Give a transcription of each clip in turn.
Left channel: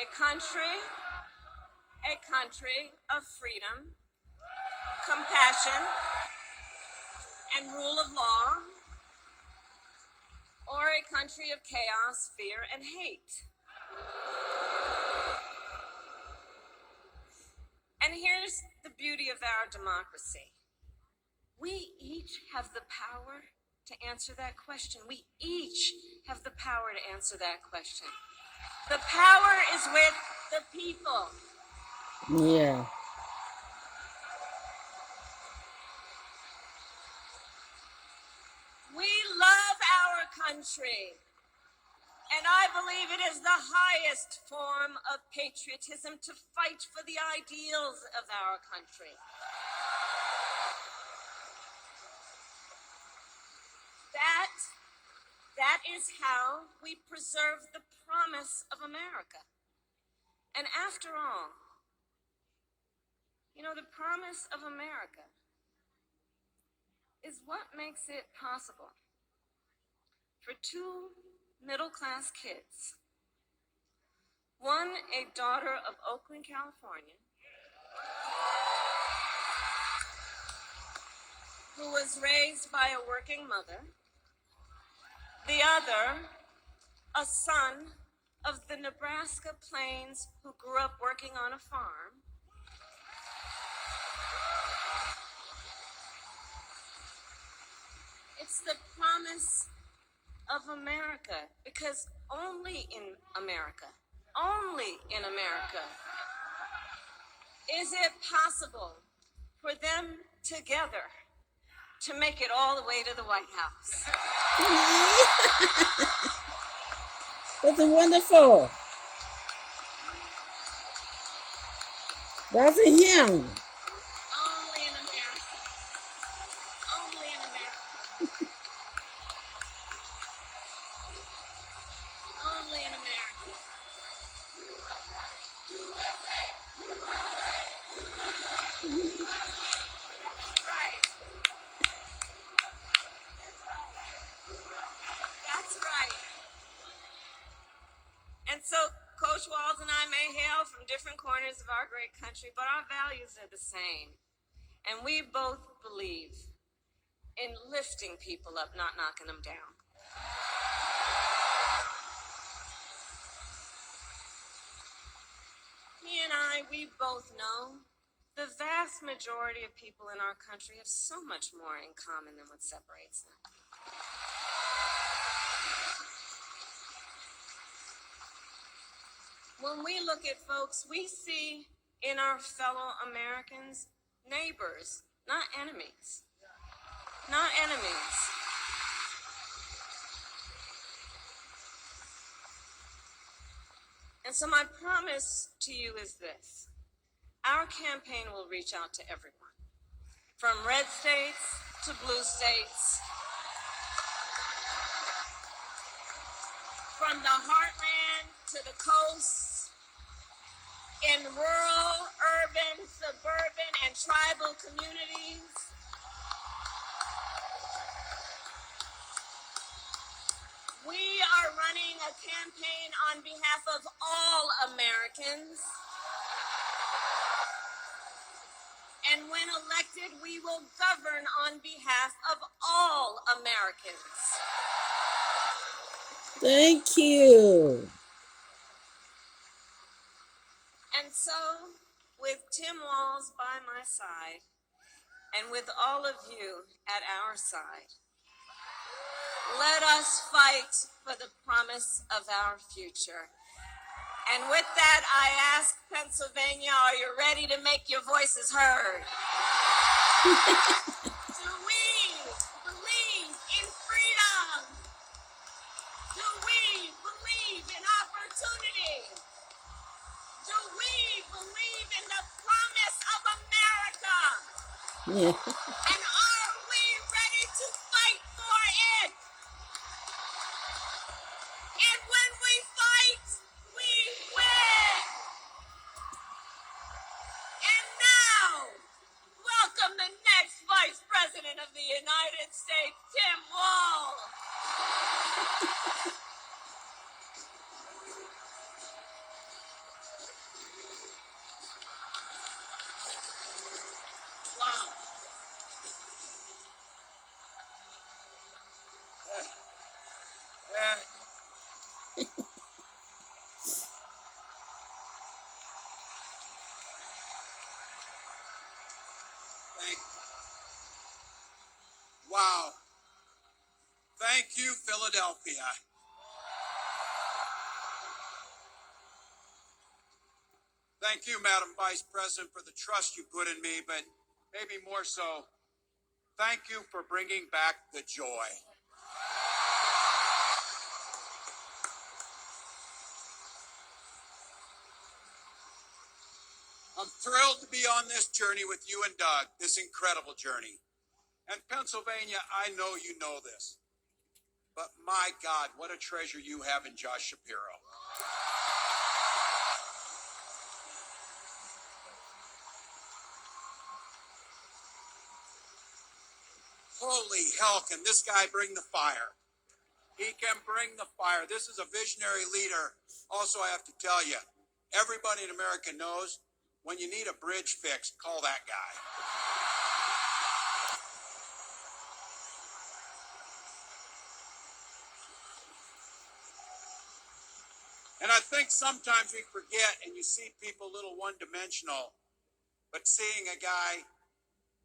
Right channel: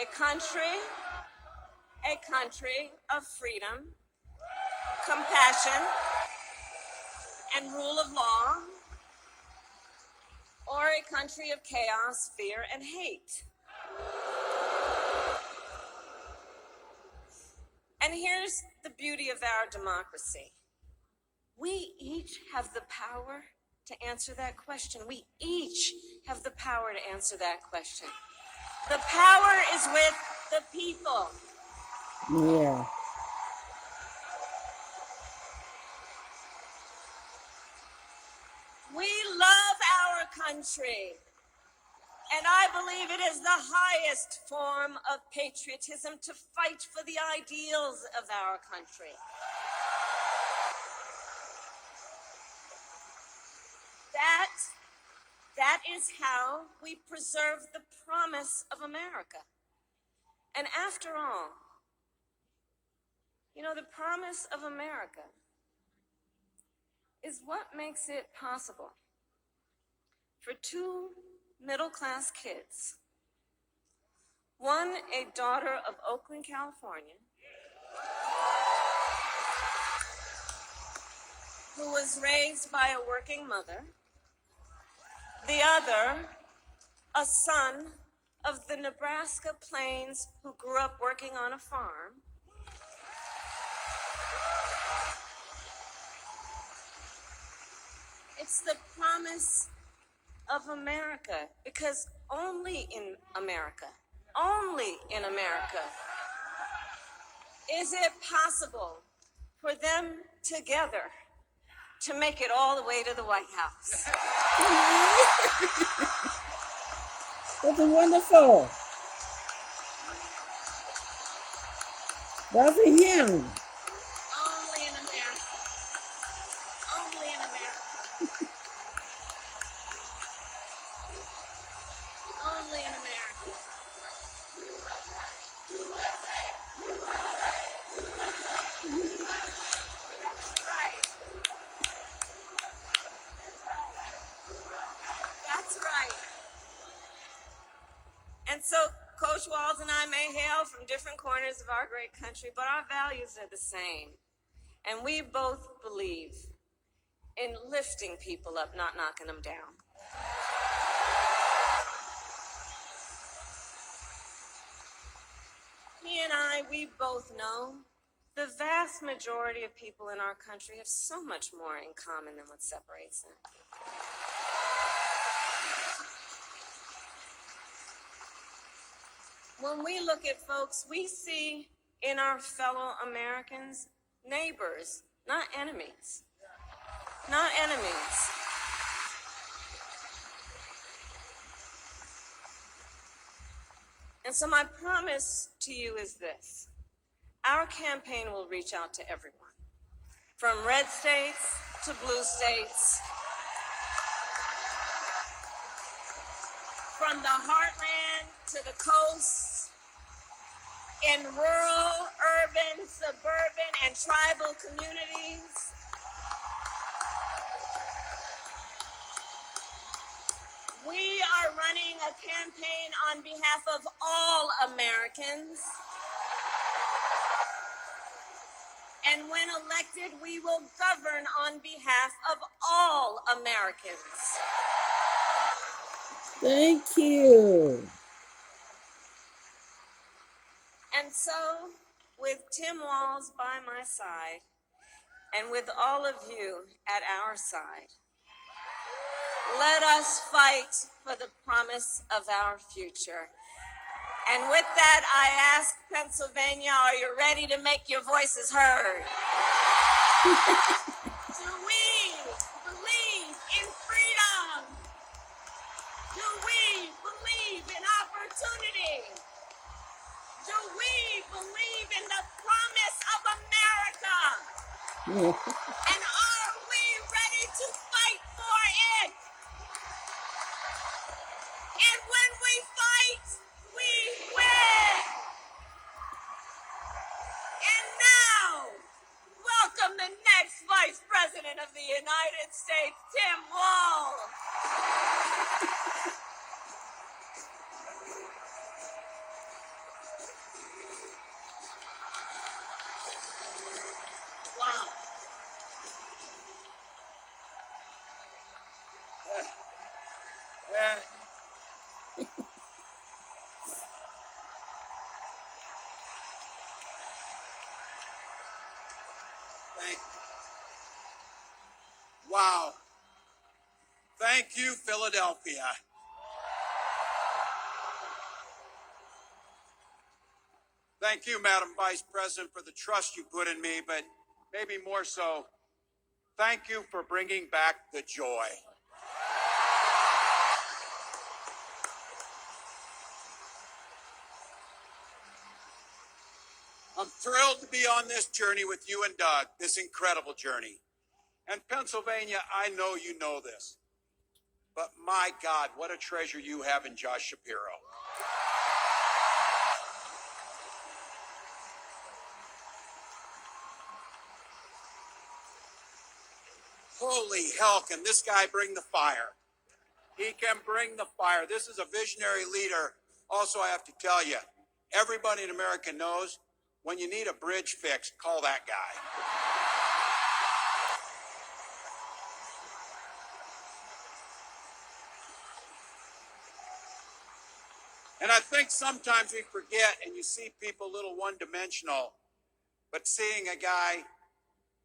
a country of freedom, compassion, and rule of law, or a country of chaos, fear, and hate. And here's the beauty of our democracy. We each have the power to answer that question. We each have the power to answer that question. The power is with the people. Yeah. We love our country, and I believe it is the highest form of patriotism to fight for the ideals of our country. That is how we preserve the promise of America. And after all, you know, the promise of America is what makes it possible for two middle-class kids, one a daughter of Oakland, California, who was raised by a working mother, the other a son of the Nebraska plains who grew up working on a farm. It's the promise of America, because only in America is it possible for them together to make it all the way to the White House. That's wonderful. That's a hymn. Only in America. Only in America. Only in America. Right. That's right. And so Coach Watz and I may hail from different corners of our great country, but our values are the same. And we both believe in lifting people up, not knocking them down. He and I, we both know the vast majority of people in our country have so much more in common than what separates them. When we look at folks, we see in our fellow Americans neighbors, not enemies. Not enemies. And so my promise to you is this. Our campaign will reach out to everyone, from red states to blue states, from the heartland to the coast, in rural, urban, suburban, and tribal communities. We are running a campaign on behalf of all Americans. And when elected, we will govern on behalf of all Americans. Thank you. And so, with Tim Walz by my side, and with all of you at our side, let us fight for the promise of our future. And with that, I ask Pennsylvania, are you ready to make your voices heard? Do we believe in freedom? Do we believe in opportunity? Do we believe in the promise of America? Yeah. And are we ready to fight for it? And when we fight, we win. And now, welcome the next Vice President of the United States, Tim Walz. Thank you, Philadelphia. Thank you, Madam Vice President, for the trust you put in me, but maybe more so, thank you for bringing back the joy. I'm thrilled to be on this journey with you and Doug, this incredible journey. And Pennsylvania, I know you know this, but my God, what a treasure you have in Josh Shapiro. Holy hell, can this guy bring the fire? He can bring the fire. This is a visionary leader. Also, I have to tell you, everybody in America knows when you need a bridge fixed, call that guy. And I think sometimes we forget and you see people a little one-dimensional, but seeing a guy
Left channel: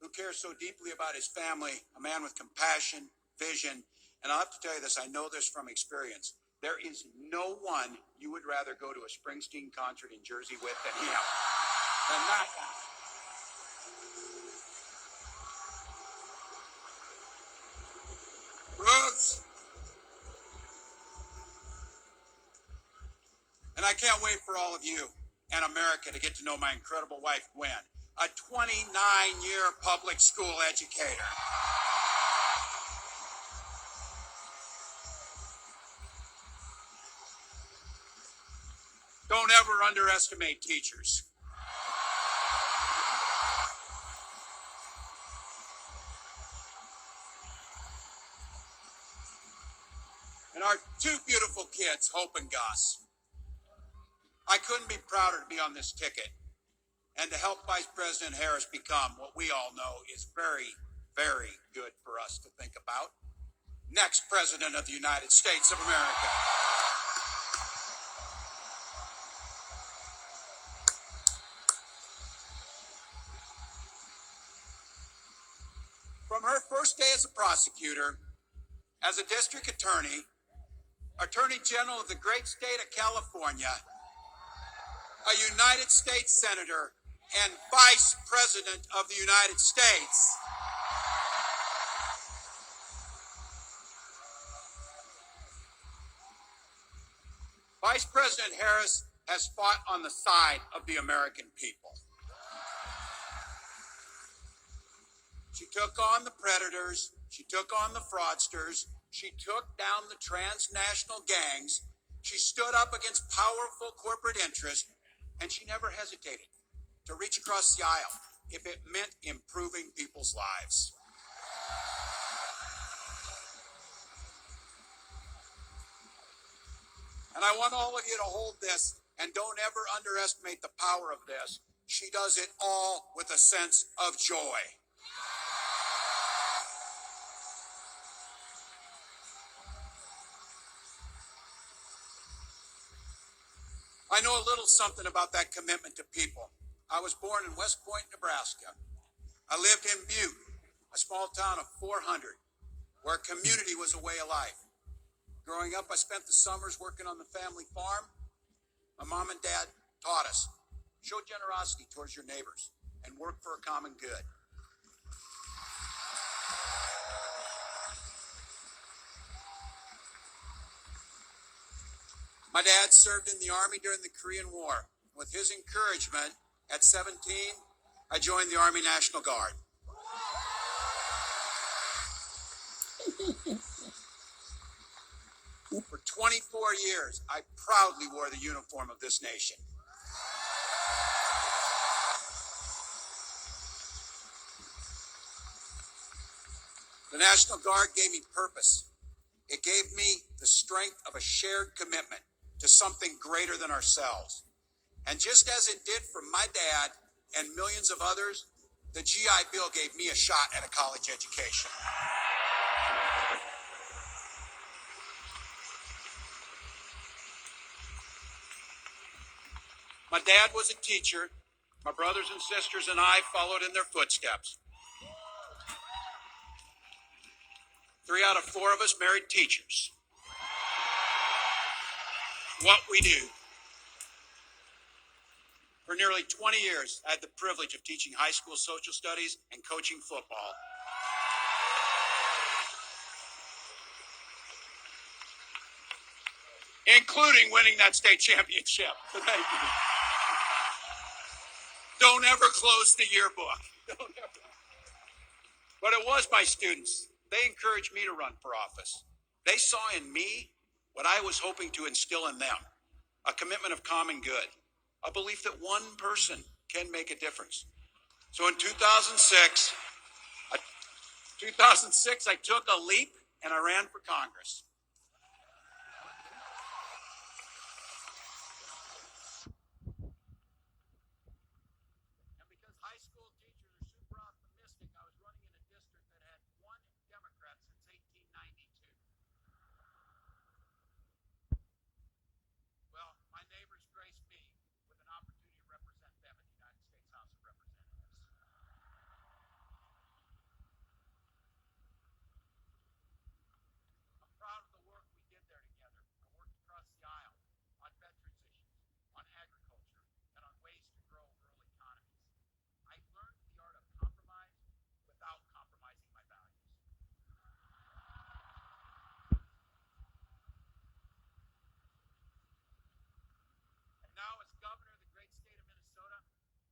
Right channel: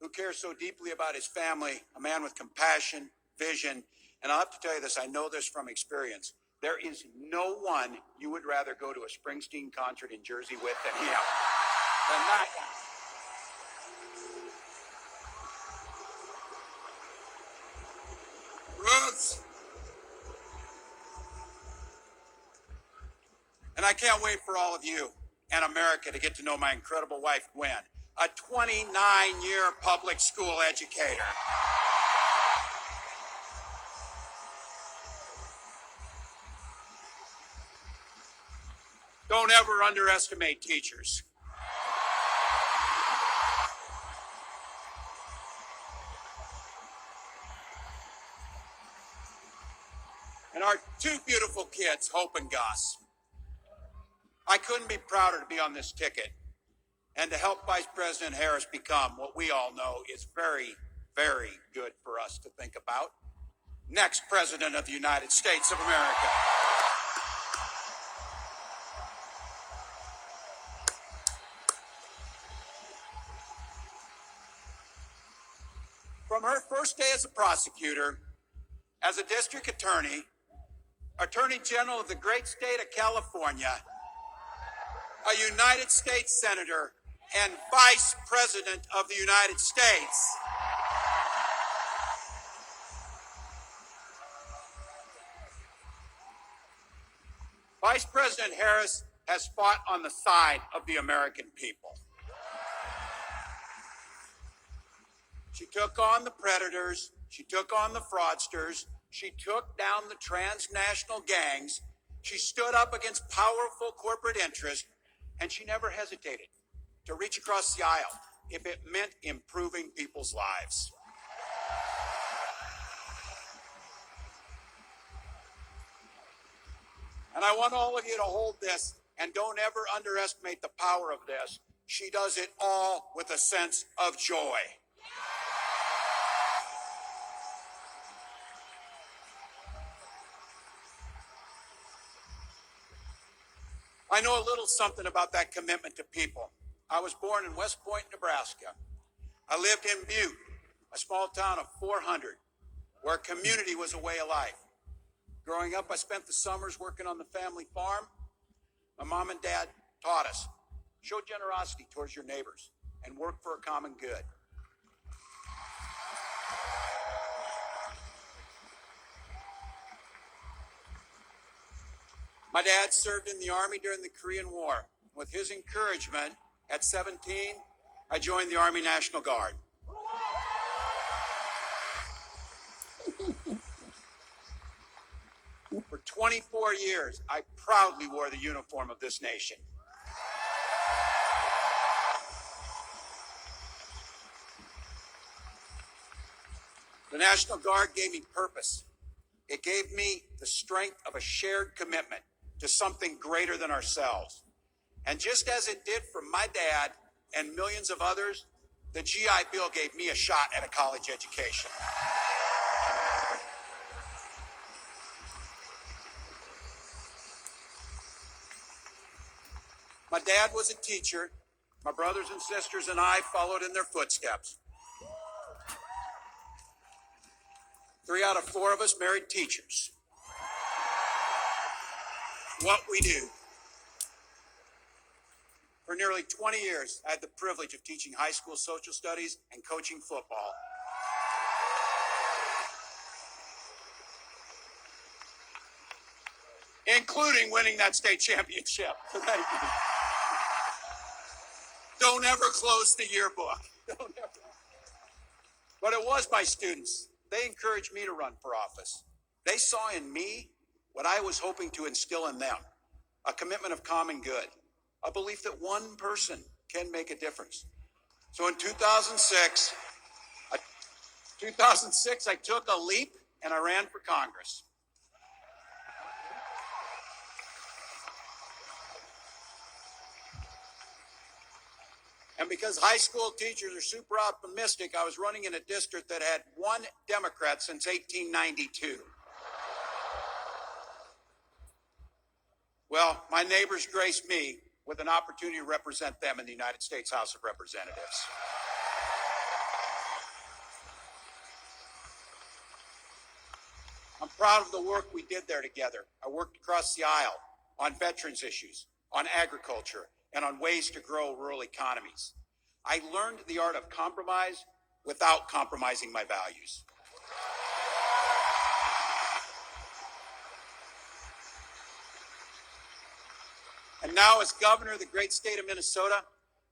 who cares so deeply about his family, a man with compassion, vision, and I'll have to tell you this, I know this from experience. There is no one you would rather go to a Springsteen concert in Jersey with than him, than that guy. Roots. And I can't wait for all of you and America to get to know my incredible wife, Gwen, a 29-year public school educator. Don't ever underestimate teachers. And our two beautiful kids, Hope and Gus. I couldn't be prouder to be on this ticket and to help Vice President Harris become what we all know is very, very good for us to think about. Next President of the United States of America. From her first day as a prosecutor, as a district attorney, Attorney General of the great state of California, a United States Senator, and Vice President of the United States. Vice President Harris has fought on the side of the American people. She took on the predators, she took on the fraudsters, she took down the transnational gangs, she stood up against powerful corporate interests, and she never hesitated to reach across the aisle if it meant improving people's lives. And I want all of you to hold this and don't ever underestimate the power of this. She does it all with a sense of joy. I know a little something about that commitment to people. I was born in West Point, Nebraska. I lived in Butte, a small town of 400, where community was a way of life. Growing up, I spent the summers working on the family farm. My mom and dad taught us, show generosity towards your neighbors and work for a common good. My dad served in the Army during the Korean War. With his encouragement, at 17, I joined the Army National Guard. For 24 years, I proudly wore the uniform of this nation. The National Guard gave me purpose. It gave me the strength of a shared commitment to something greater than ourselves. And just as it did for my dad and millions of others, the GI Bill gave me a shot at a college education. My dad was a teacher. My brothers and sisters and I followed in their footsteps. 3 out of 4 of us married teachers. What we do. For nearly 20 years, I had the privilege of teaching high school social studies and coaching football. Including winning that state championship. Thank you. Don't ever close the yearbook. Don't ever. But it was my students. They encouraged me to run for office. They saw in me what I was hoping to instill in them, a commitment of common good, a belief that one person can make a difference. So in 2006, I took a leap and I ran for Congress. And because high school teachers are super optimistic, I was running in a district that had one Democrat since 1892. Well, my neighbors graced me with an opportunity to represent them in the United States House of Representatives. I'm proud of the work we did there together. I worked across the aisle on veterans issues, on agriculture, and on ways to grow rural economies. I learned the art of compromise without compromising my values. And now, as governor of the great state of Minnesota,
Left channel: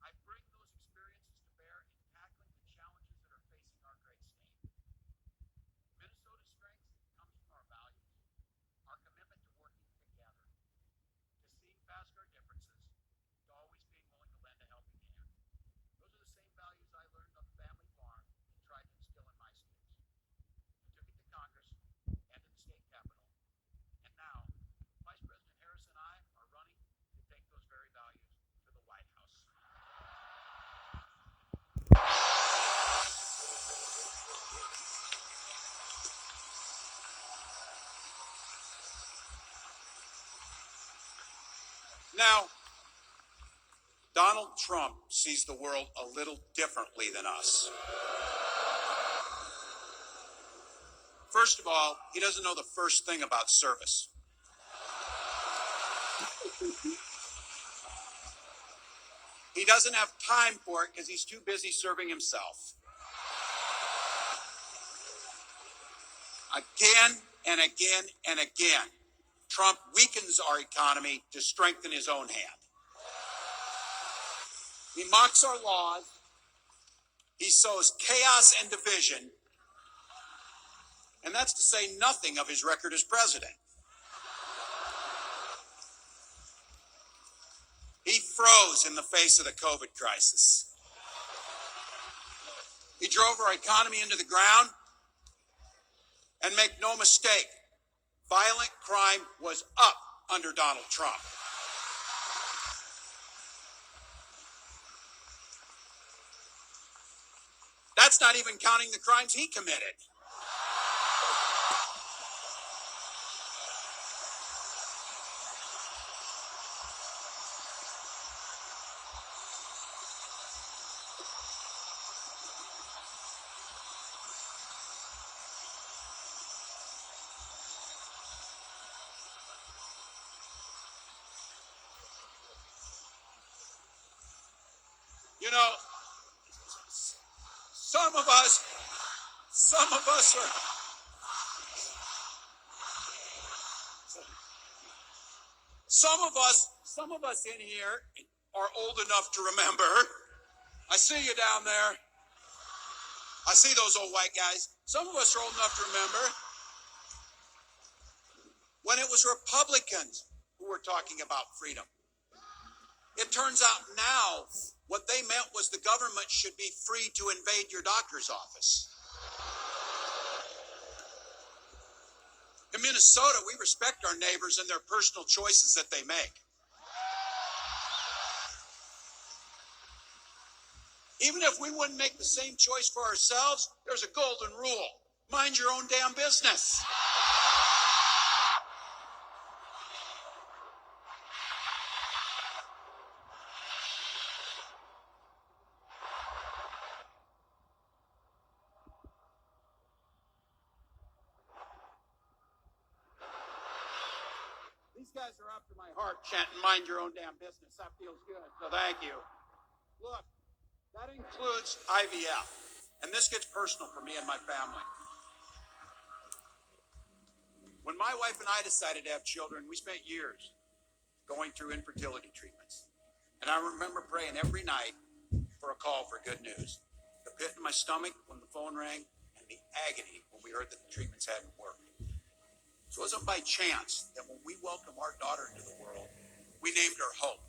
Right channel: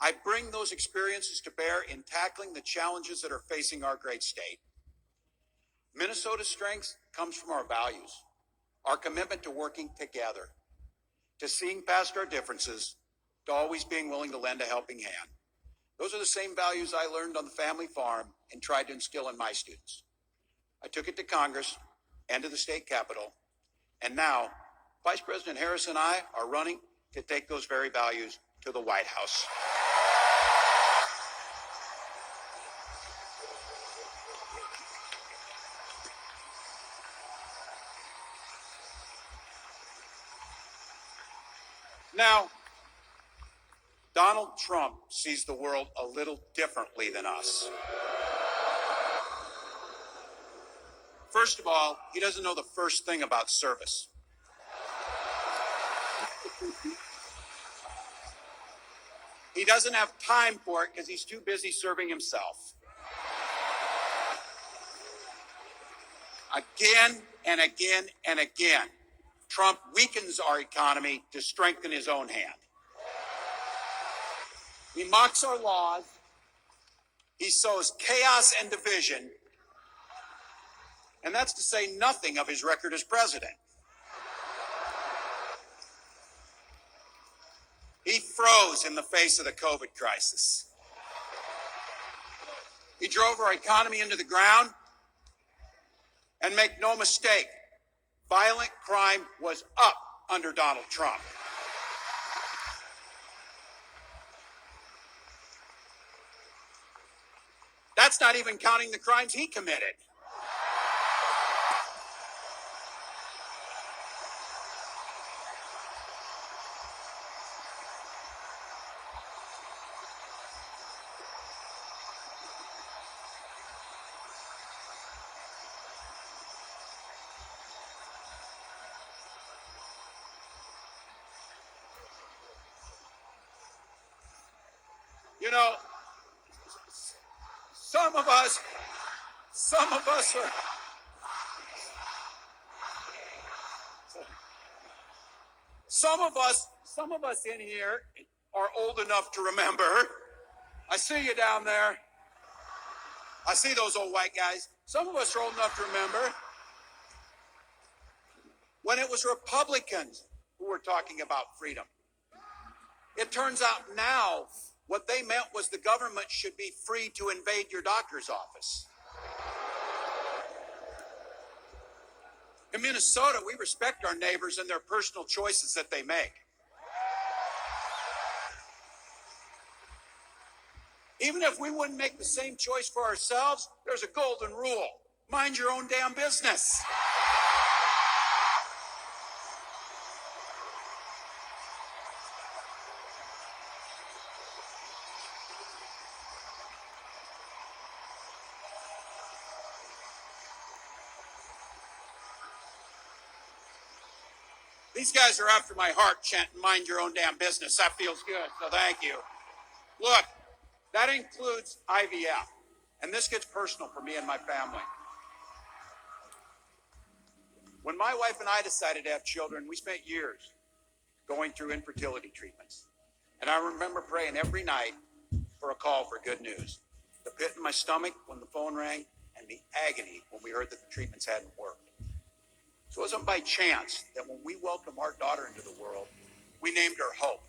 I bring those experiences to bear in tackling the challenges that are facing our great state. Minnesota's strength comes from our values, our commitment to working together, to seeing past our differences, to always being willing to lend a helping hand. Those are the same values I learned on the family farm and tried to instill in my students. I took it to Congress and to the state capitol, and now Vice President Harris and I are running to take those very values to the White House. Now, Donald Trump sees the world a little differently than us. First of all, he doesn't know the first thing about service. He doesn't have time for it because he's too busy serving himself. Again and again and again, Trump weakens our economy to strengthen his own hand. He mocks our laws. He sows chaos and division. And that's to say nothing of his record as president. He froze in the face of the COVID crisis. He drove our economy into the ground. And make no mistake, violent crime was up under Donald Trump. That's not even counting the crimes he committed. You know, some of us are, some of us in here are old enough to remember. I see you down there. I see those old white guys. Some of us are old enough to remember when it was Republicans who were talking about freedom. It turns out now what they meant was the government should be free to invade your doctor's office. In Minnesota, we respect our neighbors and their personal choices that they make. Even if we wouldn't make the same choice for ourselves, there's a golden rule. Mind your own damn business. These guys are after my heart, chanting, mind your own damn business. That feels good, so thank you. Look, that includes IVF. And this gets personal for me and my family. When my wife and I decided to have children, we spent years going through infertility treatments. And I remember praying every night for a call for good news. The pit in my stomach when the phone rang, and the agony when we heard that the treatments hadn't worked. So it wasn't by chance that when we welcomed our daughter into the world, we named her Hope.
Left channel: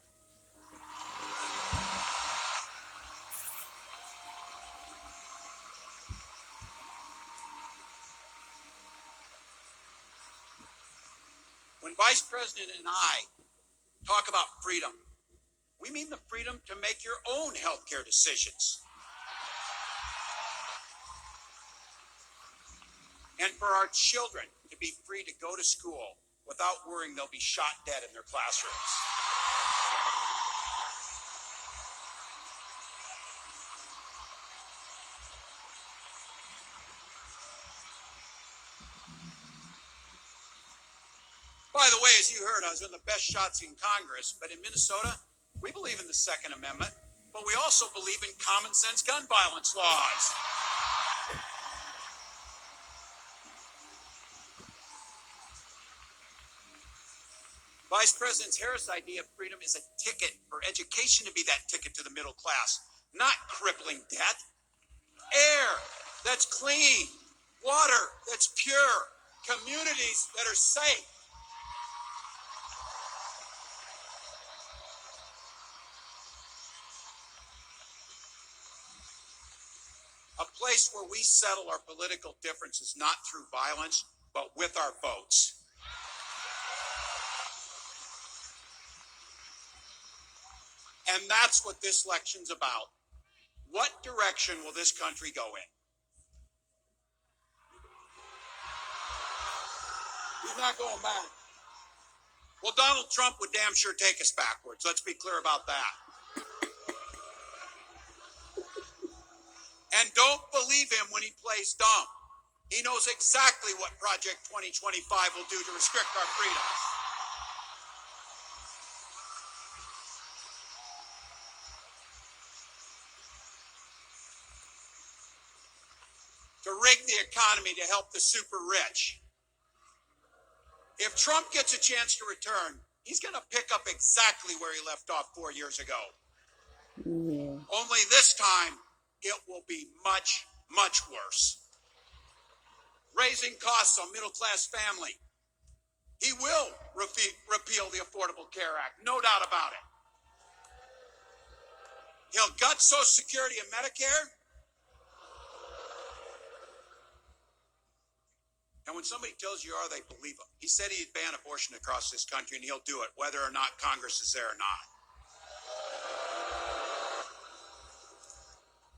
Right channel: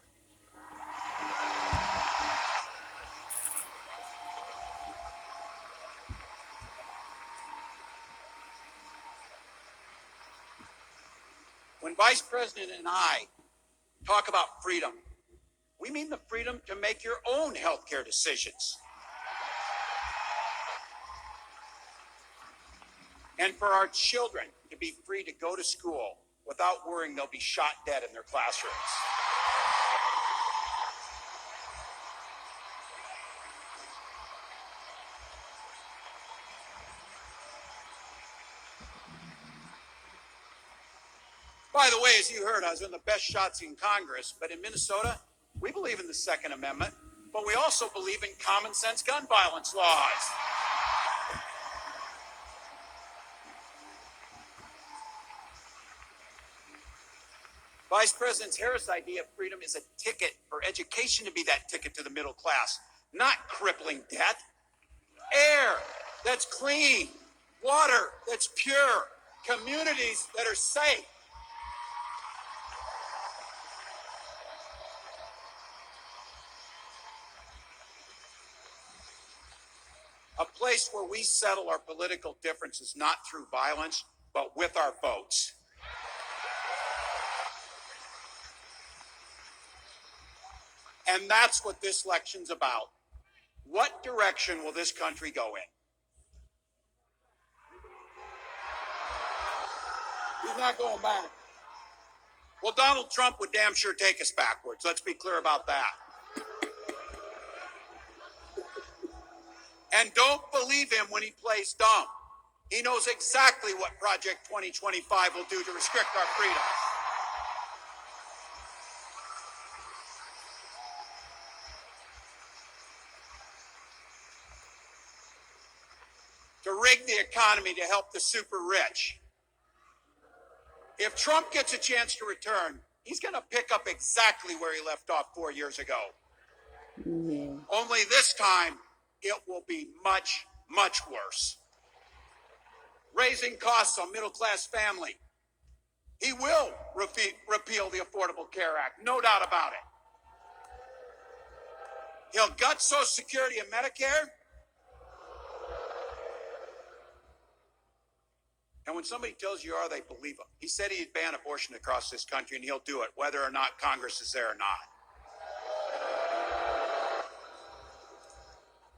When Vice President and I talk about freedom, we mean the freedom to make your own healthcare decisions. And for our children to be free to go to school without worrying they'll be shot dead in their classrooms. By the way, as you heard, I was in the best shots in Congress, but in Minnesota, we believe in the Second Amendment, but we also believe in common sense gun violence laws. Vice President Harris' idea of freedom is a ticket for education to be that ticket to the middle class, not crippling debt. Air that's clean, water that's pure, communities that are safe. A place where we settle our political differences not through violence, but with our votes. And that's what this election's about. What direction will this country go in? He's not going back. Well, Donald Trump would damn sure take us backwards. Let's be clear about that. And don't believe him when he plays dumb. He knows exactly what Project 2025 will do to restrict our freedoms. To rig the economy to help the super rich. If Trump gets a chance to return, he's going to pick up exactly where he left off 4 years ago. Yeah. Only this time, it will be much, much worse. Raising costs on middle-class family. He will repeal the Affordable Care Act, no doubt about it. He'll gut Social Security and Medicare. And when somebody tells you they believe him. He said he'd ban abortion across this country, and he'll do it, whether or not Congress is there or not.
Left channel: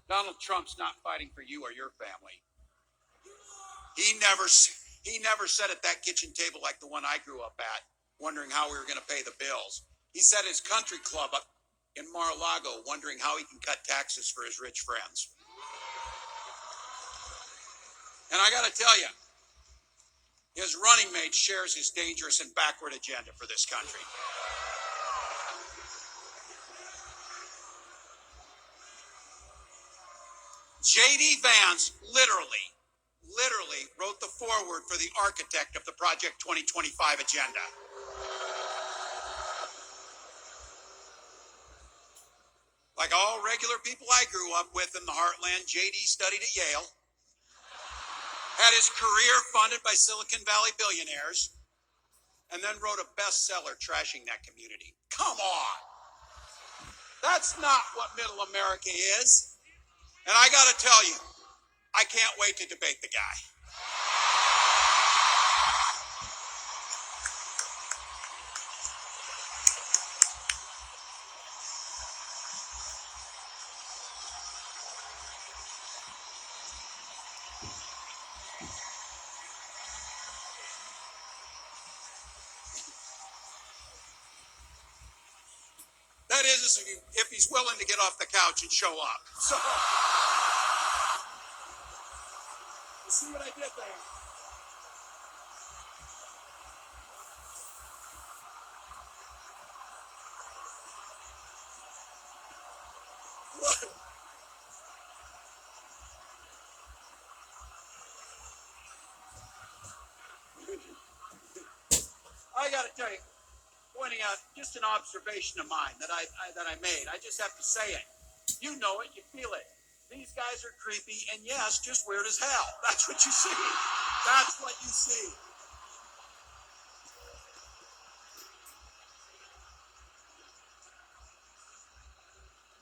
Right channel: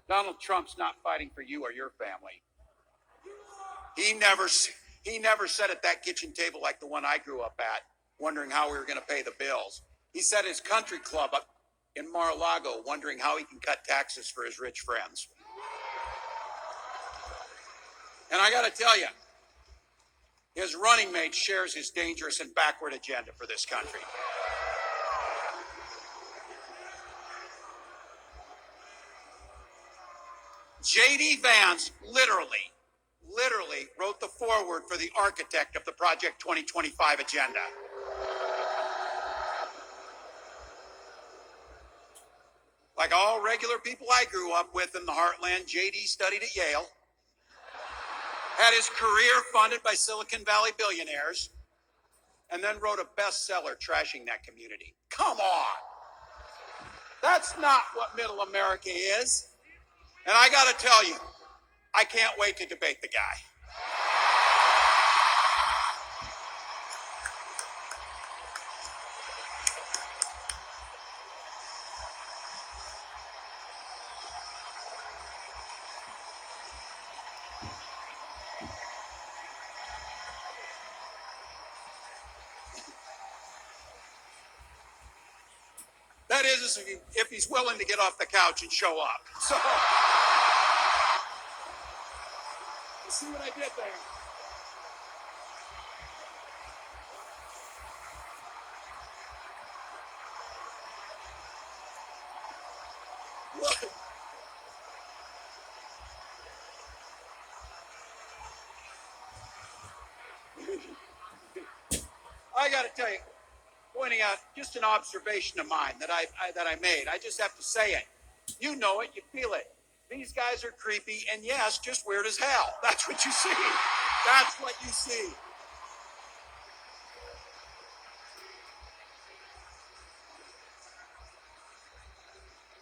Donald Trump's not fighting for you or your family. He never sat at that kitchen table like the one I grew up at, wondering how we were going to pay the bills. He sat at his country club up in Mar-a-Lago, wondering how he can cut taxes for his rich friends. And I got to tell you, his running mate shares his dangerous and backward agenda for this country. J.D. Vance literally wrote the foreword for the architect of the Project 2025 agenda. Like all regular people I grew up with in the heartland, J.D. studied at Yale, had his career funded by Silicon Valley billionaires, and then wrote a bestseller trashing that community. Come on. That's not what middle America is. And I got to tell you, I can't wait to debate the guy. That is, if he's willing to get off the couch and show up. So, you see what I did there? I got to tell you, pointing out just an observation of mine that I made. I just have to say it. You know it, you feel it. These guys are creepy, and yes, just weird as hell. That's what you see. That's what you see.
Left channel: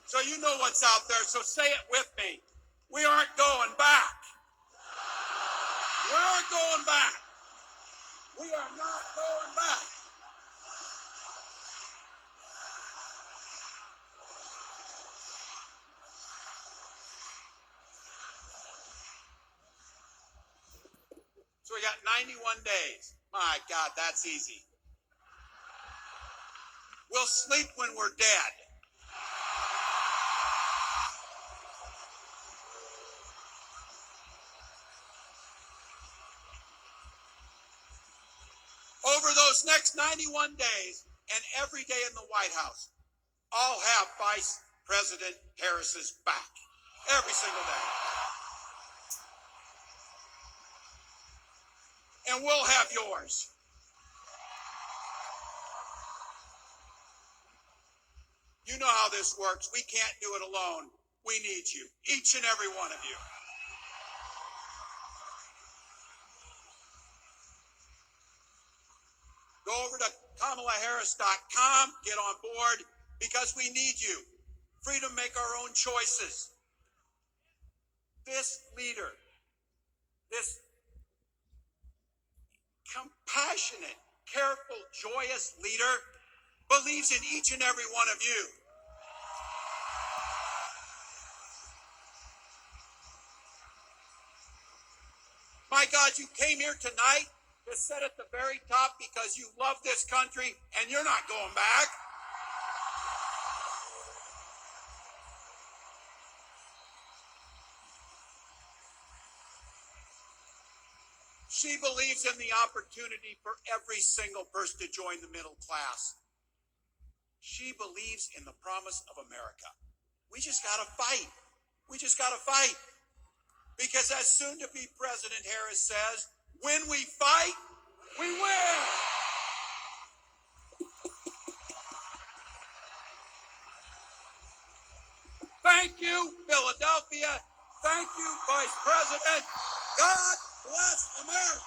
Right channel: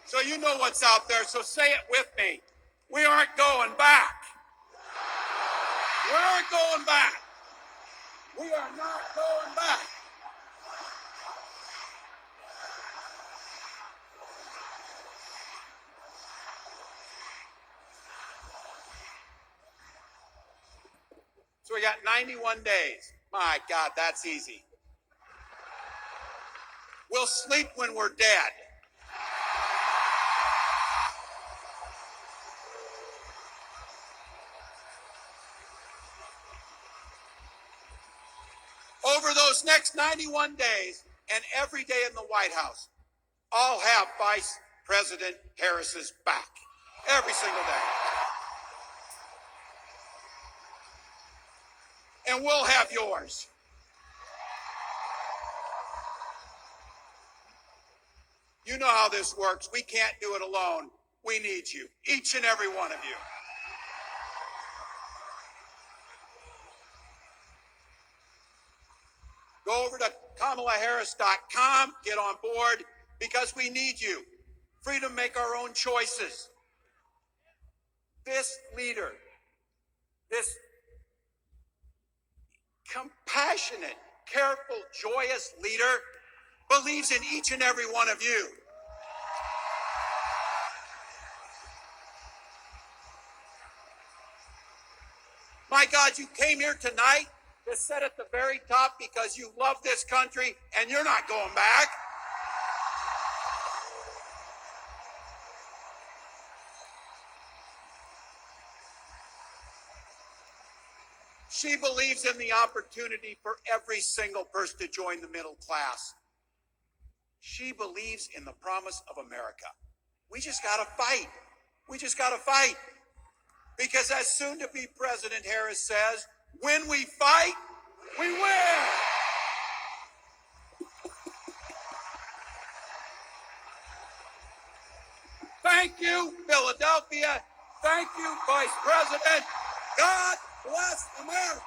So you know what's out there, so say it with me. We aren't going back. We aren't going back. We are not going back. So we got 91 days. My God, that's easy. We'll sleep when we're dead. Over those next 91 days and every day in the White House, I'll have Vice President Harris's back. Every single day. And we'll have yours. You know how this works. We can't do it alone. We need you, each and every one of you. Go over to KamalaHarris.com, get on board, because we need you. Free to make our own choices. This leader, this compassionate, careful, joyous leader believes in each and every one of you. My God, you came here tonight to sit at the very top because you love this country and you're not going back. She believes in the opportunity for every single person to join the middle class. She believes in the promise of America. We just got to fight. We just got to fight. Because as soon to be President Harris says, when we fight, we win. Thank you, Philadelphia. Thank you, Vice President. God bless America.